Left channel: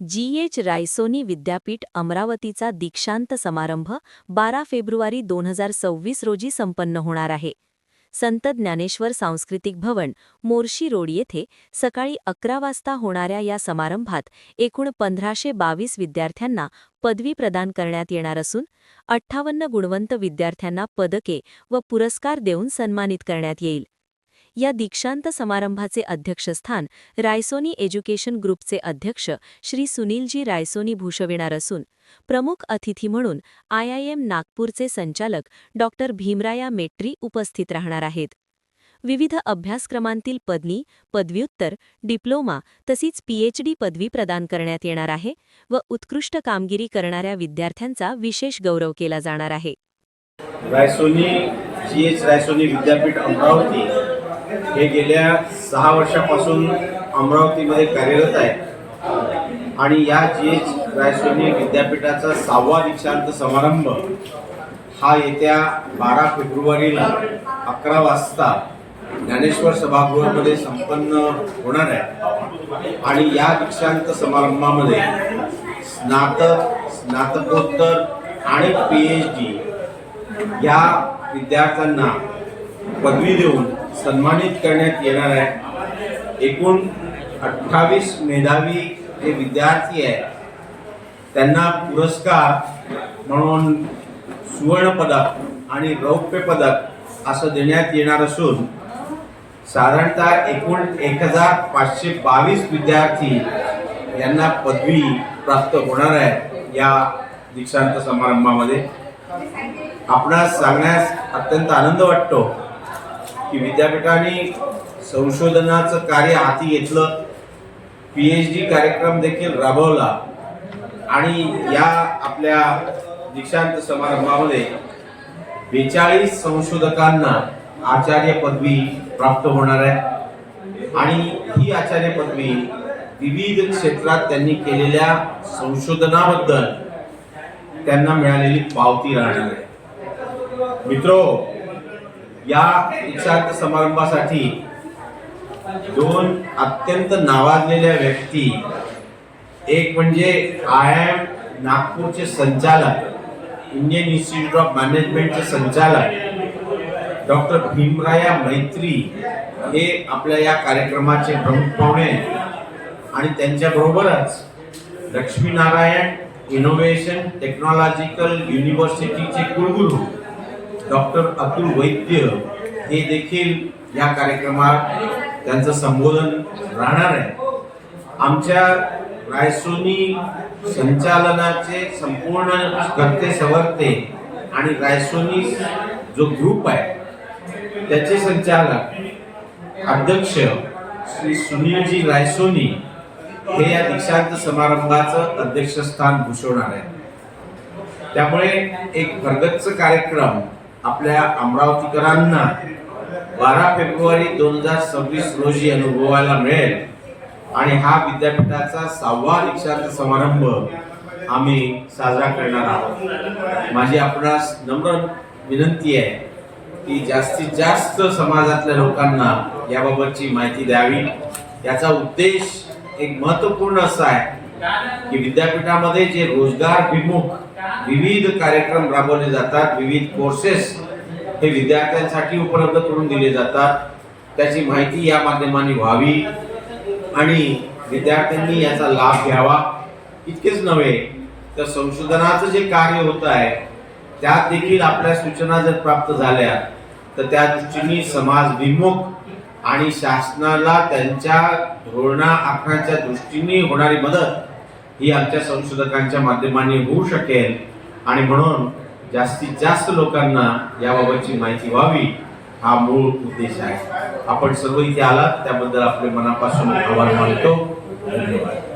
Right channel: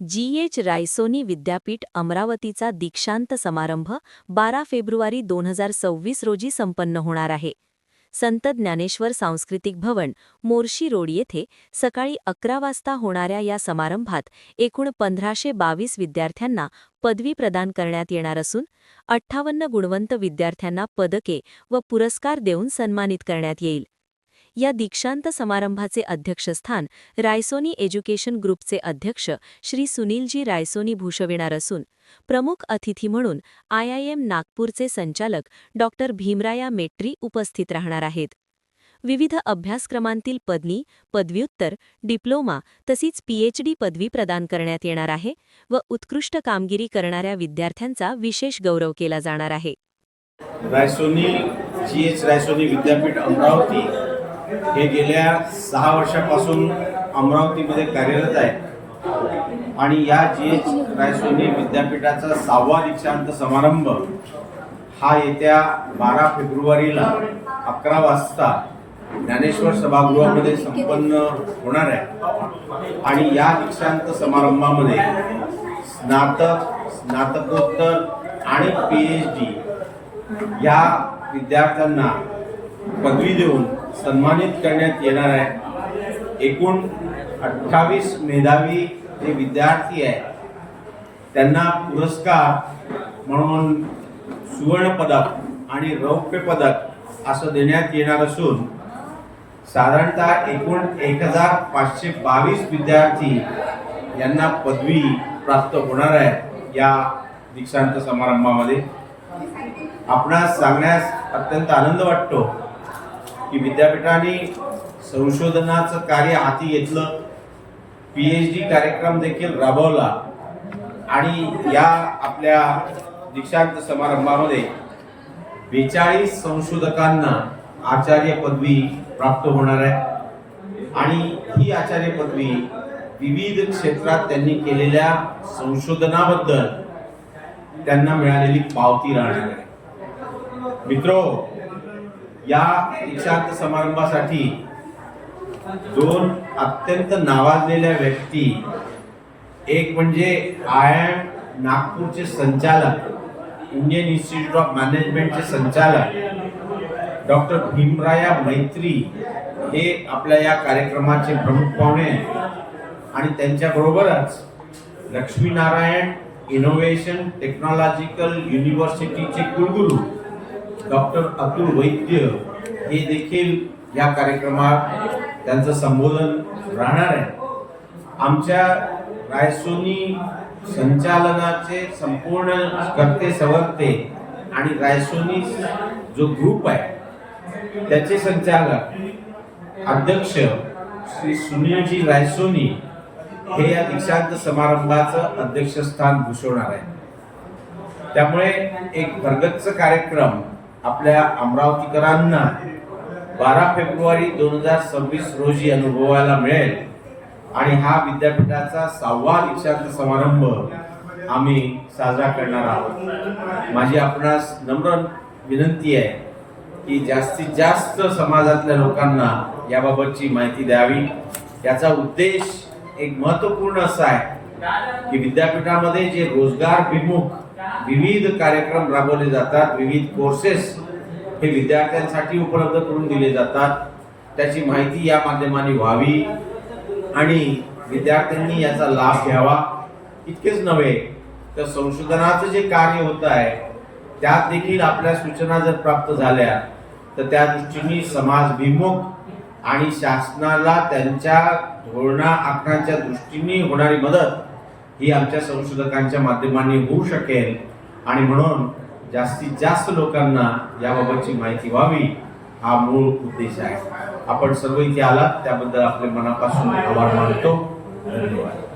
G H. Raisoni विद्यापीठ अमरावतीचा दीक्षांत समारंभ 12 फेब्रुवारी 2026 रोजी संपन्न होणार आहे. संत ज्ञानेश्वर सांस्कृतिक भवन, मोर्शी रोड येथे सकाळी 11 वाजता होणाऱ्या या समारंभात एकूण 1522 विद्यार्थ्यांना पदवी प्रदान करण्यात येणार असून 58 गुणवंत विद्यार्थ्यांना पदके व पुरस्कार देऊन सन्मानित करण्यात येईल. या दीक्षांत समारंभाचे अध्यक्षस्थान रायसोनी एज्युकेशन ग्रुपचे अध्यक्ष श्री सुनीलजी रायसोनी भूषविणार असून प्रमुख अतिथी म्हणून IIM नागपूरचे संचालक डॉक्टर भीमराया मेट्री उपस्थित राहणार आहेत. विविध अभ्यासक्रमांतील पदवी, पदव्युत्तर, डिप्लोमा तसेच PhD पदवी प्रदान करण्यात येणार आहे व उत्कृष्ट कामगिरी करणाऱ्या विद्यार्थ्यांचा विशेष गौरव केला जाणार आहे. रायसोनी जी.एच. रायसोनी विद्यापीठ अमरावती हे गेल्या 6 वर्षापासून अमरावतीमध्ये कार्यरत आहे आणि या जी.एच. रायसोनी विद्यापीठाचा 6वा दीक्षांत समारंभ हा येत्या 12 फेब्रुवारीला 11 वाजता ज्ञानेश्वर सभागृहामध्ये संपन्न होणार आहे. आणि या दीक्षांत समारंभामध्ये स्नातक, स्नातकोत्तर आणि PhD या विद्यार्थ्यांना पदवी देऊन सन्मानित करण्यात येणार आहे. एकूण 28 मेधावी जे विद्यार्थी आहेत त्यांना पुरस्कार म्हणून सुवर्ण पदक आणि रौप्य पदक असं देण्यात येणार असून साधारणतः एकूण 1522 विद्यार्थी यांना पदवी प्राप्त होणार आहे. या दीक्षांत समारंभामध्ये आपणास सांगण्यास अत्यंत आनंद वाटतो की विद्यापीठाने संशोधनाचं कार्य हाती घेतलं, PhD कार्यक्रम देखील राबवला आणि या आपल्या दीक्षांत समारंभामध्ये 42 संशोधकांना आचार्य पदवी प्राप्त होणार आहे. आणि ही आचार्य पदवी विविध क्षेत्रात त्यांनी केलेल्या संशोधनाबद्दल त्यांना मिळालेली पावती राहणार आहे. मित्रो, या दीक्षांत समारंभासाठी 2 अत्यंत नावाजलेल्या व्यक्ती, एक म्हणजे IIM नागपूरचे संचालक, इंडियन इन्स्टिट्यूट ऑफ मॅनेजमेंटचे संचालक डॉक्टर भीमराया मैत्री हे आपल्या या कार्यक्रमाचे प्रमुख पाहुणे आणि त्यांच्याबरोबरच लक्ष्मीनारायण इनोव्हेशन टेक्नॉलॉजिकल युनिव्हर्सिटीचे कुलगुरू डॉक्टर अतुल वैद्य हे देखील या कार्यक्रमात त्यांचं संबोधन राहणार आहे. आमच्या रायसोनी संचालनाचे संपूर्ण कर्ते सवर्ते आणि रायसोनी जो ग्रुप आहे त्याचे संचालक अध्यक्ष श्री सुनीलजी रायसोनी हे या दीक्षांत समारंभाचं अध्यक्षस्थान भूषवणार आहे. त्यामुळे एक भरगच्च कार्यक्रम आपल्या अमरावतीकरांना 12 फेब्रुवारी 2026 रोजी अनुभवायला मिळेल आणि हा विद्यापीठाचा 6वा दीक्षांत समारंभ आम्ही साजरा करणार आहोत. माझी आपणास नम्र विनंती आहे की जास्तीत जास्त समाजातल्या लोकांना याबाबतची माहिती द्यावी. याचा उद्देश एक महत्त्वपूर्ण असा आहे की विद्यापीठामध्ये जे रोजगारभिमुख विविध कार्यक्रम राबवले जातात, विविध कोर्सेस हे विद्यार्थ्यांसाठी उपलब्ध करून दिले जातात, त्याची माहिती या माध्यमाने व्हावी आणि विद्यार्थ्यांनी याचा लाभ घ्यावा. इतकेच नव्हे तर संशोधनाचं जे कार्य होत आहे त्यात देखील आपल्या सूचना जर प्राप्त झाल्या तर त्या दृष्टीने समाजभिमुख आणि शासनाला त्यांच्या धोरणा आखण्याच्या दृष्टीने होणारी मदत ही आमच्या संशोधकांच्या माध्यमाने होऊ शकेल. आणि म्हणून जास्तीत जास्त लोकांना याबाबतची माहिती व्हावी हा मूळ उद्देश आहे. आपण सर्व इथे आलात त्याबद्दल आपले मनापासून आभार मानतो. धन्यवाद.